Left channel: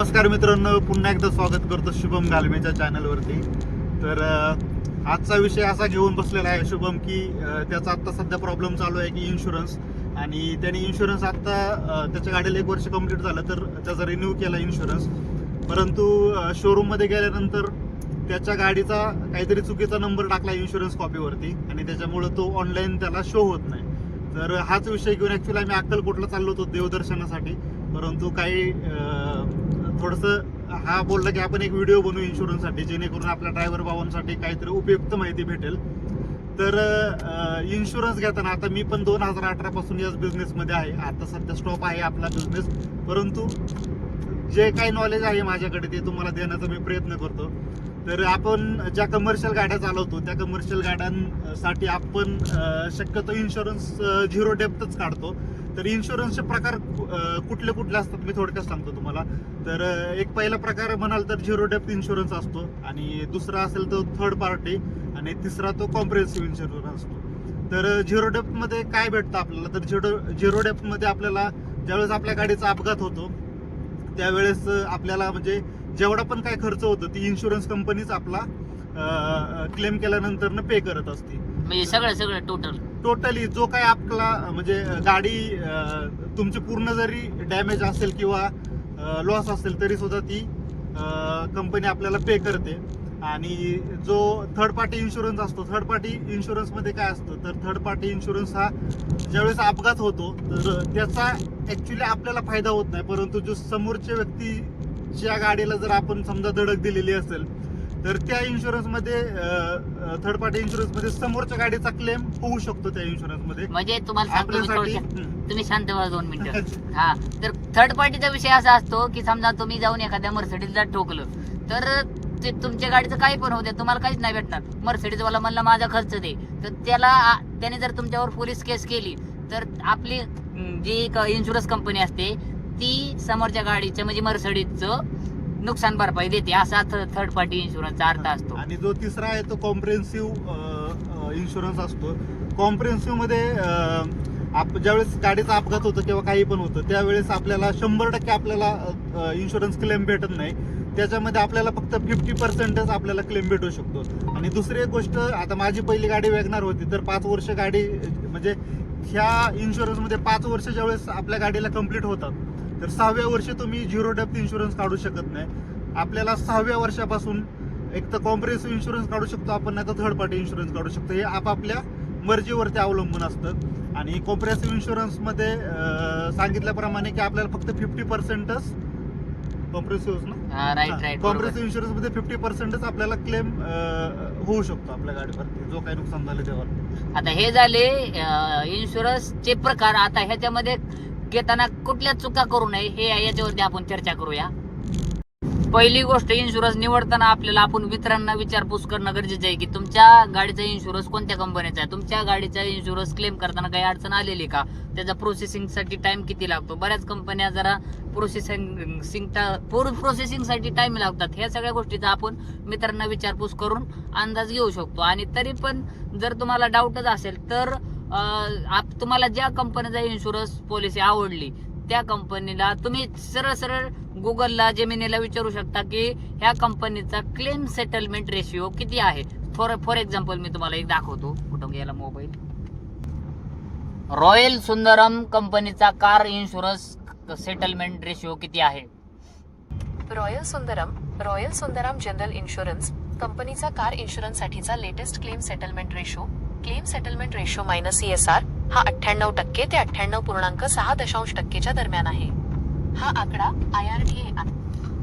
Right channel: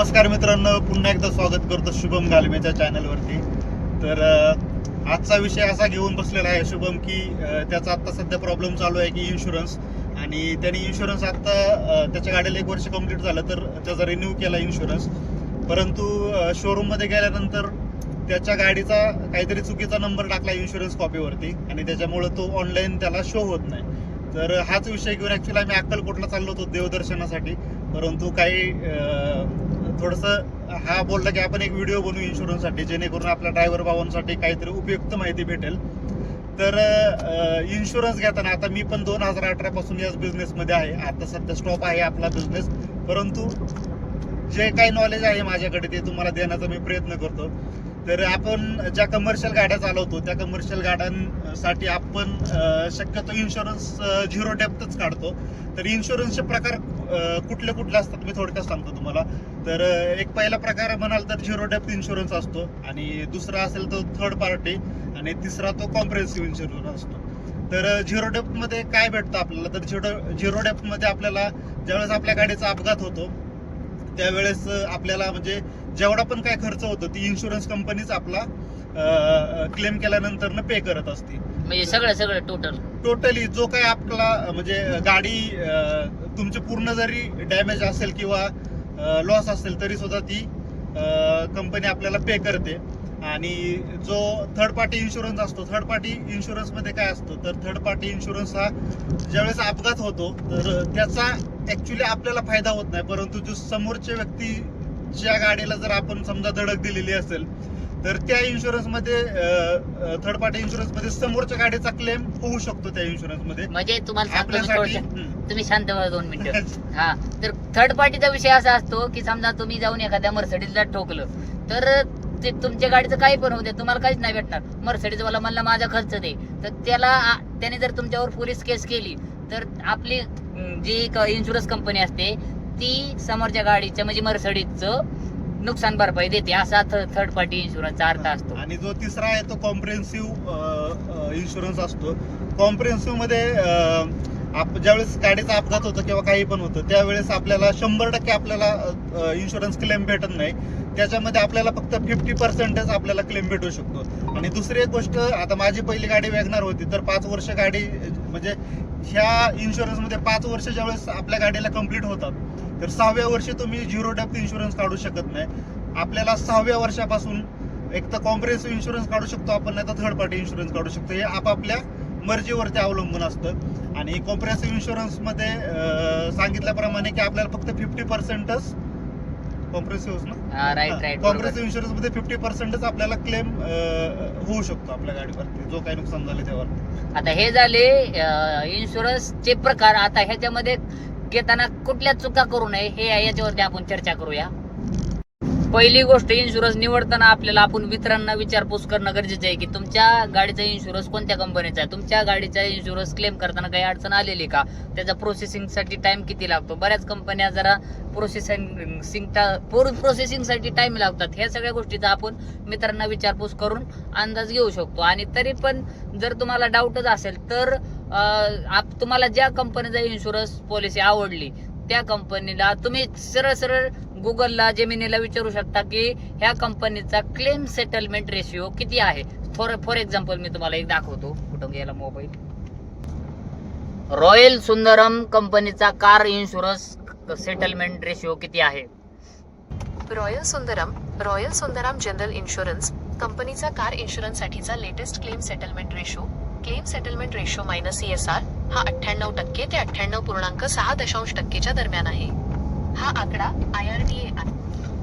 नमस्कार मित्रांनो, पुन्हा एकदा स्वागत करतो शुभम गालमेच्या चॅनलवरती. तर आजचा विषय असा घेऊन बसलेला आहे शुभम की त्याचा आता सध्या प्रॉब्लेम चालू आहे की इन्शुरन्स. आणि त्याने इन्शुरन्स आता त्याच्या गाडीला 1 वर्ष कंप्लीट झालं तर त्याचा रिन्यू केला इन्शुरन्स. परंतु शोरूममध्ये गेल्यानंतर त्याच्या गाडीचा काहीतरी चुकीचा नंबर टाकला इन्शुरन्स कॉपीवरती आणि त्याच्यामुळं तो ऑनलाईन त्याला शो होत नाही. तर हाच विषय घेऊन ॲक्च्युली आम्ही अक्कलकोटला चाललो होतो देवदर्शनासाठी. परंतु काही थोडंसं हा बोलला की आपण एक व्हिडिओ बनवू इन्शुरन्ससाठी, जेणेकरून आपल्या ड्रायव्हर भावांसाठी काहीतरी उपयुक्त माहिती भेटेल. तर इन्शुरन्स घेताना आता मी पण 2018 पासून याच बिझनेसमध्ये आहे. आता सध्या स्टॉप आहे आपला बिझनेस, परंतु जे काही नॉलेज आहे माझ्याकडे ते तुम्हाला देण्याचा मी प्रयत्न करतो. तर आपण ज्या कमर्शियल गाड्या चालवतो त्या कमर्शियल गाड्यांसाठी आपण शक्यतो इन्शुरन्स 0 डेप्थच काढतो. तर इन्शुरन्सचे प्रकार कुठले कुठले असतात मी थोडक्यात सांगतो तुम्हाला. तर एक पहिला प्रकार म्हणाल तर 0 डेप्थ इन्शुरन्स असतो, आणि दुसरा असेल तो थर्ड पार्टी, आणि तिसरा तो कॉम्प्रिहेन्सिव्ह इन्शुरन्स असतो. तर 0 डेप्थमध्ये काय भेटतं आपल्याला, तर 0 डेप्थमध्ये आपल्याला ज्यावेळेस आपल्या गाडीचा अपघात होतो त्यावेळेस आपल्याला म्हणजे जेवढा पण काय खर्च होतो ती इन्शुरन्स कंपनीच आपला क्लेम केल्यानंतर पे करत असते. म्हणजे सगळं टोटली जो काय आपला म्हणजे गाडी तुमची पूर्ण जरी डॅमेज असेल किंवा लॉस असेल तरी सुद्धा ती कंपनी आपल्याला पे करते. आणि जो थर्ड पार्टी इन्शुरन्स असतो, थर्ड पार्टी इन्शुरन्स मध्ये काय असतं, तर थर्ड पार्टी इन्शुरन्स हा ज्यावेळेस अपघात होतो तर त्याचा ऍक्च्युली आपल्याला फायदा होत नाही, परंतु जो समोरच्या व्यक्तीच्या गाडीला जर आपण समजा धडक दिलेली असेल तर त्या इन्शुरन्स मध्ये थर्ड पार्टी इन्शुरन्स मध्ये समोरच्या गाडीचा क्लेम होऊ शकतो त्या इन्शुरन्स मध्ये. म्हणजे तुम्हाला सांगतो मी आपल्यासाठी थोडक्यात, तुम्ही शांत व्हा 2 मिनिटं. हा, तर थर्ड पार्टीचा विषय असा असतो की समजा तुम्ही जाऊन एखाद्या मर्सिडीजला ठोकलं तर ते तुमच्या गाडीचं काही पण होते, तुम्हाला काहीच नाही भेटणार. मर्सिडीज वाला म्हणला माझा खर्च दे, तर त्याने जर तुमच्यावर पोलीस केस केली तर आपली जी इन्शुरन्स कंपनी असते ती समोरच्या गाडीचं म्हणजे मर्सिडीजचं नुकसान भरपाई देते. असा थर्ड पार्टी इन्शुरन्सचा अर्थ असतो. आणि जो तिसरा आहे तो कॉम्प्रिहेन्सिव्ह इन्शुरन्स असतो. कॉम्प्रिहेन्सिव्ह मध्ये ज्यावेळेस गाडीचा अपघात होतो किंवा काही पण होतं त्यावेळेस आपल्याला 100% आपल्याला इन्शुरन्स क्लेम भेटत नाही. त्याच्यामध्ये आपल्याला फक्त 50%च आपल्याला क्लेम भेटू शकतो. आणि दुसरी एक गोष्ट, आता माझी पहिली गाडी वॅगनार होती, तर 5 वर्ष गाडी म्हणजे ह्या इन्शुरन्समध्ये 5 वर्ष ज्यावेळेस आपल्या गाडीला कंप्लीट होतात तर 6व्या वर्षी तुम्ही 0 डेप्थ इन्शुरन्स काढू शकत नाही. आपल्याला 6व्या वर्षापासून एक तर कॉम्प्रिहेन्सिव्ह इन्शुरन्स काढू शकतो आपण, नाही तर थर्ड पार्टी इन्शुरन्स काढू शकतो. हे आपापल्या मर्जीवरती अवलंबून असतं. आणि कॉम्प्रिहेन्सिव्ह इन्शुरन्समध्ये सांगितल्याप्रमाणे की आपल्याला फक्त 50%च कॉम्प्रिहेन्सिव्ह ना, राईट. कॉम्प्रिहेन्सिव्ह इन्शुरन्स मध्ये 50%च आपल्याला क्लेम होऊ शकतो आपल्या गाडीवरती जो काही नुकसान झाले त्यावर. आता हे झाले इन्शुरन्सचे प्रकार. आता ह्याच्यामध्ये घेताना कुठल्या चुका करू नये हे याच्यावरती आपण चर्चा करूया. पहिली गोष्ट, इन्शुरन्स निवडताना आपल्याला आपण मित्रांना विचारपूस करणं गरजेचं आहे की तुमच्या गाडीचा इन्शुरन्स कोणत्या कंपनीचा आहे, तुमच्या गाडीचा इन्शुरन्स क्लेम करताना काही अडचण आलेली का, त्याचा प्रोसेसिंगसाठी टाइम किती लागतो. बऱ्याच कंपन्या जरा प्रोसेसिंगसाठी टाइम लागतात. ह्या सगळ्या गोष्टीचा आपण मित्रांना विचारपूस करून अंदाज घेऊ शकतो. आणि तरी पण जर तुम्हाला डाऊटच असेल तर तुम्हाला ज्या कंपनीचा इन्शुरन्स पॉलिसी आवडली त्या कंपनीला तुम्ही सरळ गुगलला, जेमिनीला विचारू शकता की ह्या कंपनीचा क्लेम सेटलमेंट रेशिओ किती आहे. फॉर एक्झाम्पल मी तुम्हाला एक दाखवतो, कुठं गेला मोबाईल. रॉयल सुंदरम कंपनीचा कार इन्शुरन्स सेटलमेंट रेशिओ किती आहे. रॉयल सुंदरम जनरल इन्शुरन्स कंपनीचा कार इन्शुरन्स साठीचा latest claim settlement ratio minus ESR हा 98% ते 98.6% दरम्यान आहे. हा आकडा IRDA आहे.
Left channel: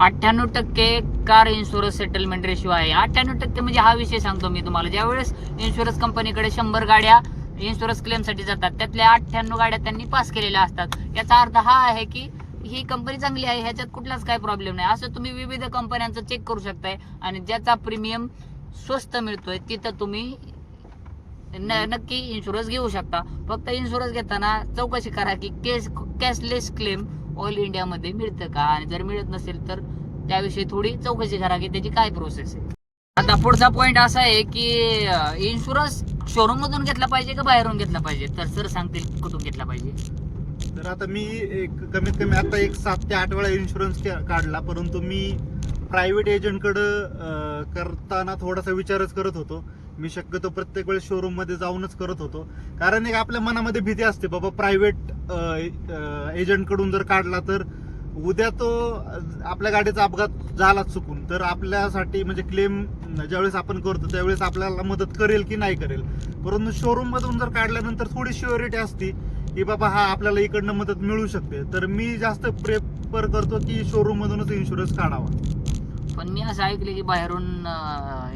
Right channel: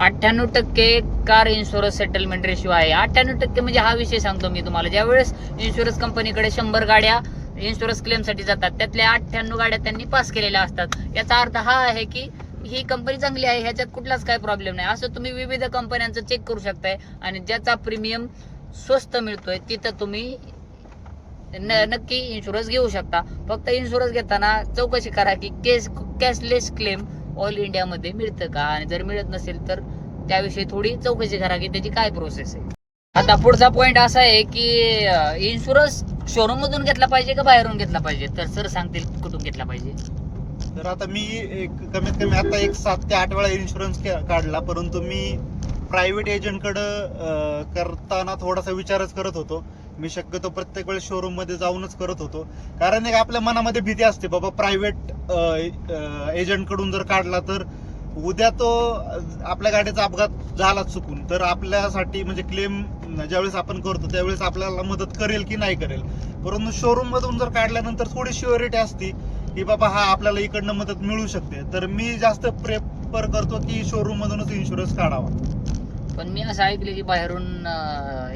98% कार इन्शुरन्स सेटलमेंट रेशिओ आहे. 98% म्हणजे हा विषय सांगतो मी तुम्हाला. ज्यावेळेस इन्शुरन्स कंपनीकडे 100 गाड्या इन्शुरन्स क्लेमसाठी जातात त्यातल्या 98 गाड्या त्यांनी पास केलेल्या असतात. याचा अर्थ हा आहे की ही कंपनी चांगली आहे, ह्याच्यात कुठलाच काही प्रॉब्लेम नाही. असं तुम्ही विविध कंपन्यांचं चेक करू शकताय आणि ज्याचा प्रीमियम स्वस्त मिळतोय तिथं तुम्ही नक्की इन्शुरन्स घेऊ शकता. फक्त इन्शुरन्स घेताना चौकशी करा की कॅशलेस क्लेम ऑल इंडियामध्ये मिळतं का, आणि जर मिळत नसेल तर त्याविषयी थोडी चौकशी करा की त्याची काय प्रोसेस आहे. आता पुढचा पॉइंट असा आहे की इन्शुरन्स शोरूम मधून घेतला पाहिजे का बाहेरून घेतला पाहिजे. तर सर सांगतील कुठून घेतला पाहिजे. तर आता मी कमीत कमी आता 7 ते 8 वेळा इन्शुरन्स काढला, परंतु मी प्रायव्हेट एजंटकडं करताना थोडासा विचारच करत होतो. मी शक्यतो प्रत्येक वेळेस शोरूम मध्ये जाऊनच करत होतो, कारण एक आपल्या मनामध्ये भीती असते, बाबा प्रायव्हेट एजंट कडून जर काढला तर उद्या तो आपल्या गाडीचा अपघात झाला चुकून तर आपल्यासाठी म्हणजे क्लेम ज्यावेळेस आपण करतो त्यावेळेस आपल्याला मदत करेल की नाही करेल. परंतु शोरूम मधून जर काढल्यानंतर थोडी श्युरिटी असते की बाबा हा आपल्याला इकडनं मदत मिळू शकते. तर मी जास्त प्रेफर करतो की शोरूम मधूनच इन्शुरन्स काढावा. पण मी असं ऐकलं की बाहेरून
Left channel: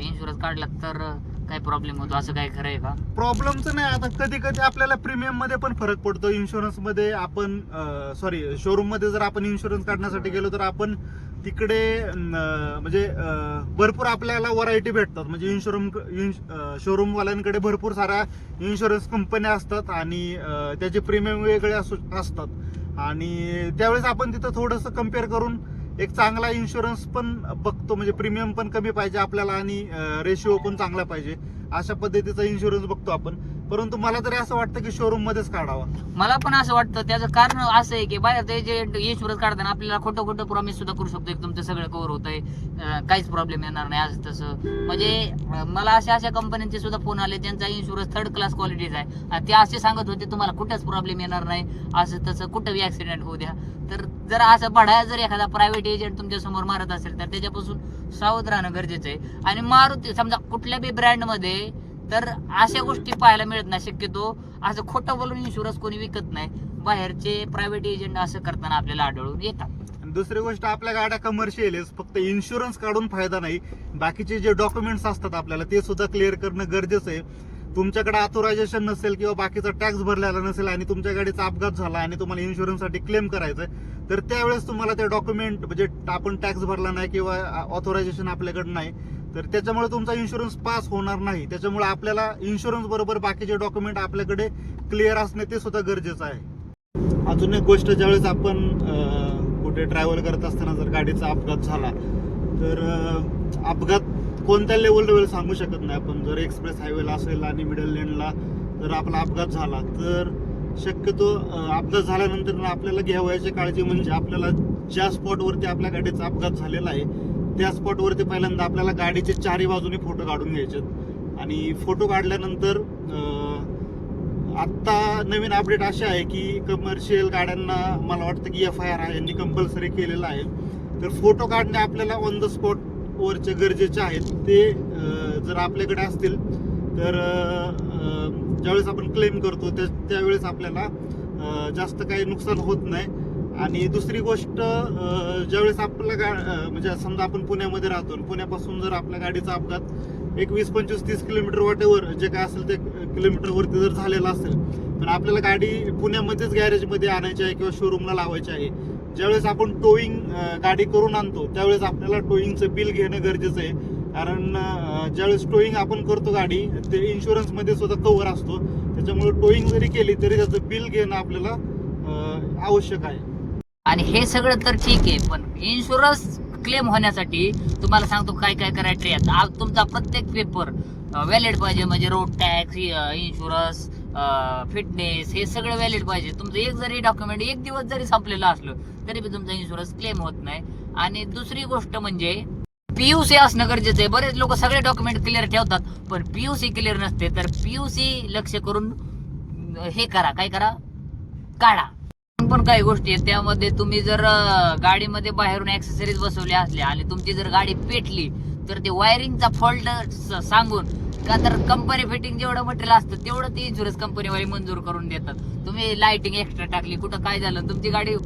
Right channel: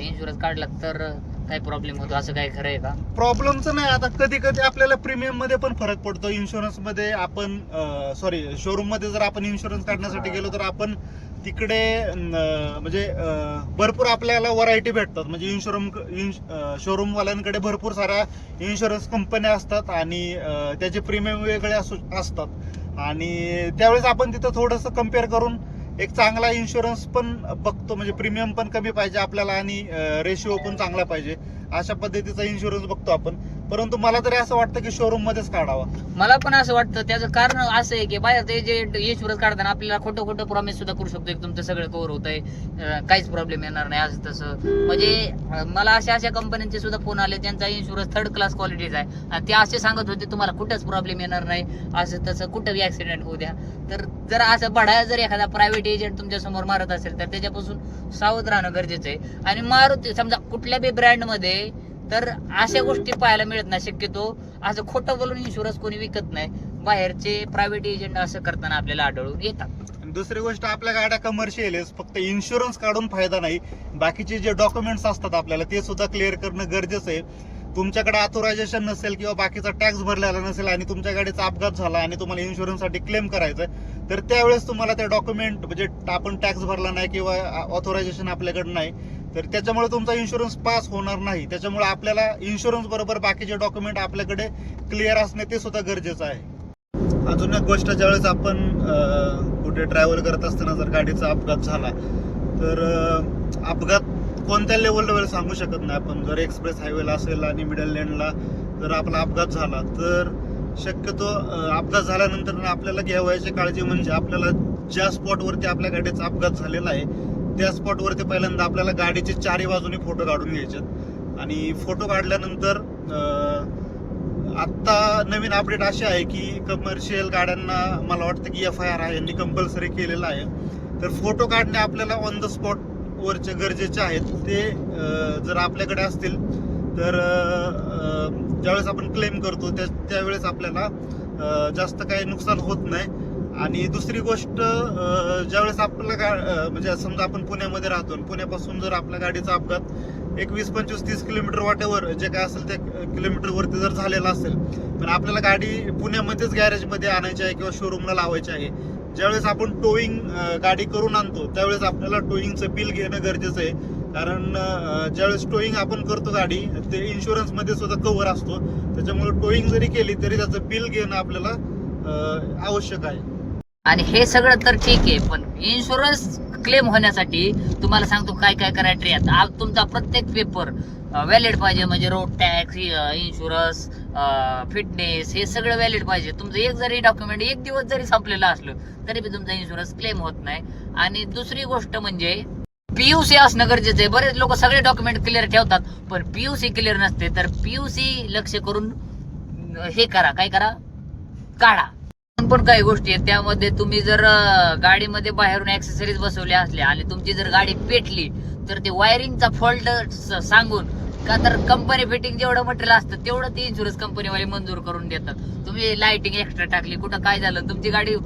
इन्शुरन्स काढला तर काय प्रॉब्लेम होतो, असं काय खरं आहे का? प्रॉब्लेमचं नाही. आता कधी कधी आपल्याला प्रीमियम मध्ये पण फरक पडतो. इन्शुरन्स मध्ये आपण शोरूम मध्ये जर आपण इन्शुरन्स काढण्यासाठी गेलो तर आपण तिकडे म्हणजे भरपूर आपल्याला व्हरायटी भेटतात. म्हणजे शोरूम वाल्यांकडे भरपूर साऱ्या इन्शुरन्स कंपन्या असतात आणि त्याचे प्रीमियम वेगळे असतात आणि त्यावेळेस आपण तिथं थोडंसं कम्पेअर करून एक चांगला इन्शुरन्स पण बघतो. म्हणजे प्रीमियम पण कमी पाहिजे आपल्याला आणि रेशिओ पण चांगला पाहिजे, अशा पद्धतीचा इन्शुरन्स बघतो आपण. परंतु मला तरी असं वाटतं की शोरूम मध्येच काढावा. मला पण असं वाटतं. त्याचं कारण असं आहे की बाहेर ते जे इन्शुरन्स काढताना आपल्याला खोटं खोटं प्रॉमिस सुद्धा करू शकतो की तुमचं सगळं कव्हर होतंय, काहीच प्रॉब्लेम येणार नाही असं तसं. म्हणजे मला अशा कंपन्यांचे सुद्धा फोन आले ज्यांचा इन्शुरन्स 3rd क्लास क्वालिटीचा आहे आणि ते असे सांगत होते तुम्हाला कुठंच प्रॉब्लेम येणार नाही, असं तसं कुठं ऍक्सिडेंट होऊ द्या. तर जर असं बढा जर एखादा प्रायव्हेट एजंट तुमच्या समोर मारत असेल तर त्याच्यापासून सावध राहणं गरजेचं आहे. आणि मारुती समजा कुठल्या बी ब्रँड मध्ये तर अशा गोष्टी पाहायला मिळत नाही. शक्यतो असं खोटं बोलून इन्शुरन्स कोणी विकत नाही. बाहेरचे प्रायव्हेट एजंट असं करताना आपल्याला आढळून येतात. दुसरी गोष्ट, आपल्या गाड्या कमर्शियल आहेत, फक्त इन्शुरन्स काढून फायदा नाही, बाकीचे जे डॉक्युमेंट्स असतात आपल्याला ते सुद्धा क्लिअर करणं गरजेचं आहे. तुमच्याकडे ऑथोरायझेशन नसेल किंवा बाकीचा टॅक्स भरलेला नसेल आणि तुमच्या गाडीचा अपघात झाला आणि तुम्हाला इन्शुरन्ससाठी क्लेम करायचं तर त्यावेळेस तुम्हाला ते डॉक्युमेंट म्हणजे आपण टॅक्स भरला नाही किंवा ऑथोरायझेशन आपल्याकडे नाही तर त्याच्यामुळे तुमचा इन्शुरन्स पास होणार नाही. त्याच्यामुळे आपल्याला इन्शुरन्स बरोबर बाकीचे डॉक्युमेंट आपल्याकडे क्लिअर असणे ते सुद्धा गरजेचं आहे. अजून एक गोष्ट, ज्यावेळेस आपण कुठे ट्रॅव्हल करत असताना जर गाडीचा अपघात झाला तर अपघात कोणत्या लेवलवर सांगू शकत नाही आपण. जर एक्सप्रेस हायवेला असेल आणि मिडल लेनला जर आपला अपघात झाला तर शक्यतो अपघात झाल्यानंतर आपल्याला घ्यावयाची काळजी म्हणजे आपल्याला ज्या स्पॉटवरती आपल्या गाडीचा अपघात झालेला आहे त्या स्पॉटवरती पहिल्यांदा आपल्याला गाडीचे चारही बाजूनी फोटो काढून घ्यायचे आणि फोटो काढल्यानंतर आत्ता नवीन अपडेट अशी आहे की कमर्शियल गाड्यांना मला वाटतं की FIR यांनी कंपल्सरी केलेलं आहे. तर फोटो काढणे आपल्याला ऑन द स्पॉट वरचे गरजेचे आहेत. ते जर आपल्याकडे असतील तर ज्यावेळेस आपण क्लेम करतो त्यावेळेस आपल्याला जास्त काही नुकसान होत नाही. आणि दुसरी गोष्ट, ज्यावेळेस आपल्याला म्हणजे समजा आपण पुण्यामध्ये राहतो, पुण्यापासून जर आपल्या गाडीचा अपघात एक 20, 25, 30 किलोमीटर वाटेवर जे काय असेल ते किलोमीटरवरती जर झालेला असेल पण आपल्याला गाडी पुण्यामध्येच गॅरेजमध्ये आणायची आहे किंवा शोरूमला लावायची आहे, ज्यावेळेस आपण टोईंग गाडी करून आणतो त्यावेळेस आपल्याला टोईंगचं बिल घेणं गरजेचं आहे. कारण ज्यावेळेस टोईंग आपण करतो गाडी ते इन्शुरन्स मध्ये सुद्धा कव्हर असतो. त्याच्यामुळे टोईंग जरी केली तरी त्याचं बिल घेणं आपल्याला आवश्यक आहे. आणि हे सगळं तर ठीक आहे, पण इन्शुरन्स क्लेम होण्यासाठी तुम्हाला सांगतो काय काय करायचं. तुमचा प्रत्येक पेपर व्हॅलिड पाहिजे. म्हणजे रोड टॅक्स, इन्शुरन्स, फिटनेस हे सगळं व्हॅलिड पाहिजे. तुमचं एक जरी डॉक्युमेंट एक दिवस जरी संपलेलं असलं तरी बी तुमचा इन्शुरन्स क्लेम होत नाही. आणि दुसरी गोष्ट म्हणजे PUC असणं गरजेचं आहे. बरेच लोक सगळे डॉक्युमेंट क्लिअर ठेवतात पण PUC क्लिअर नसते. तर PUC लक्ष करून हे करा, काय करा, काढा. पण काही गोष्टी आहेत त्यामध्ये तुम्ही जर गाडीमध्ये बाहेरून ऍक्सेसरीज बसवल्या असल्या आणि तुमची जर गाडी पेटली तर ते वायरिंगचा फॉल्ट सांगून का तर कंपनी फिटिंग जेवढं मटेरियल असतं तेवढं ते इन्शुरन्स कंपनीवाले मंजूर करून देतात. तुम्ही लाइटिंग एक्स्ट्रा टाकली, कुठं काय झालं, तुमची गाडी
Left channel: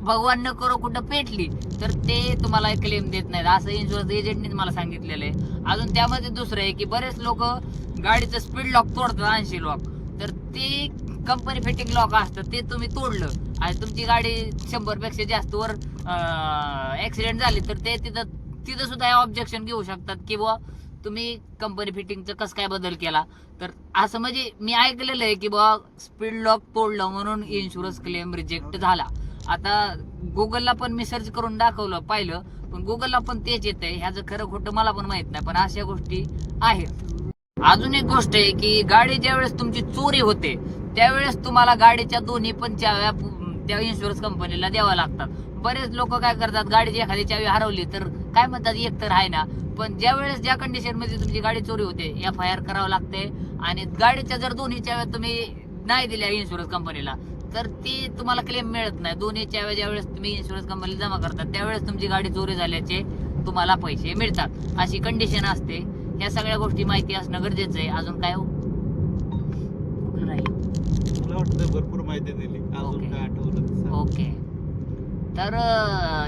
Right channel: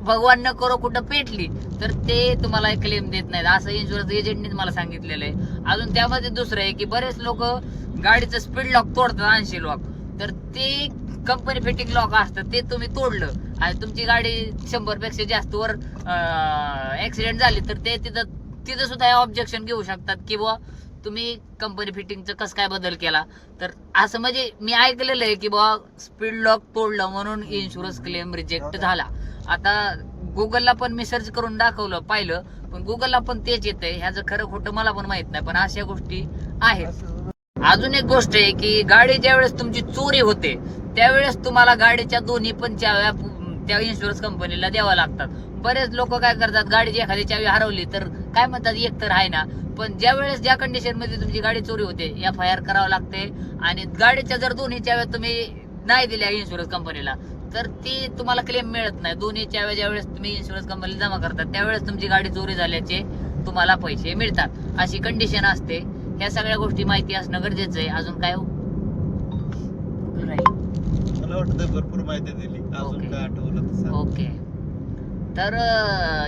भगवान न करो कुठं पेटली तर ते तुम्हाला क्लेम देत नाहीत, असं इन्शुरन्स एजंटनीच मला सांगितलेलं आहे. अजून त्यामध्ये दुसरं आहे की बरेच लोक गाडीचं स्पीड लॉक तोडतात, 80 लॉक, तर ते कंपनी फिटिंग लॉक असतं ते तुम्ही तोडलं आणि तुमची गाडी 100 पेक्षा जास्त वर ऍक्सिडेंट झाली तर ते तिथं सुद्धा ऑब्जेक्शन घेऊ शकतात की बुवा तुम्ही कंपनी फिटिंगचं कसं काय बदल केला. तर असं म्हणजे मी ऐकलेलं आहे की बुवा स्पीड लॉक तोडलं म्हणून इन्शुरन्स क्लेम रिजेक्ट झाला. आता गुगलला पण मी सर्च करून पाहिलं पण गुगलला पण तेच येतंय. ह्याचं खरं खोटं मला पण माहित नाही, पण अशा गोष्टी आहेत. अजून एक गोष्ट आहे की गाडी ज्यावेळेस तुमची चोरी होते त्यावेळेस तुम्हाला गाडीच्या दोन्ही पण चाव्या त्या इन्शुरन्स कंपनीला द्यावा लागतात. बरेच लोक काय करतात, गाडीची एखादी चावी हरवली तर काय म्हणतात एक तर आहे ना, पण ज्या वेळेस ज्या कंडिशन मध्ये तुमची गाडी चोरी होते FIR करावं लागते. आणि गाडीच्या जर दोन्ही चाव्या तुम्ही नाही दिल्या इन्शुरन्स कंपनीला तर ती तुम्हाला क्लेम मिळत नाही. दोन्ही चाव्या ज्या वेळेस तुम्ही इन्शुरन्स कंपनीला जमा करतात त्यावेळेस तुमची गाडी चोरी झाल्याचे तुम्हाला पैसे मिळतात, अशी कंडिशन असते. ह्या सगळ्या गोष्टी माहिती असणं गरजेचं आहे. अजून काय मला वाटतं भरपूर माहिती दिली. अजून ओके. काय आठवलं तर सांग. ओके, तर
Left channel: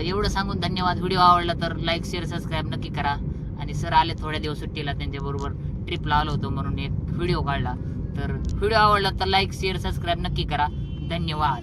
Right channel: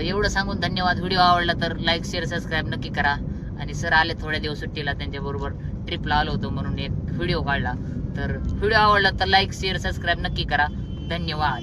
एवढं सांगून धन्यवाद. व्हिडिओ आवडला तर लाईक शेअर सबस्क्राईब नक्की करा. आणि सर आले थोड्या दिवस सुट्टीला, त्यांच्या बरोबर ट्रिपला आलो होतो म्हणून एक व्हिडिओ काढला. तर व्हिडिओ आवडला तर लाईक शेअर सबस्क्राईब नक्की करा. धन्यवाद.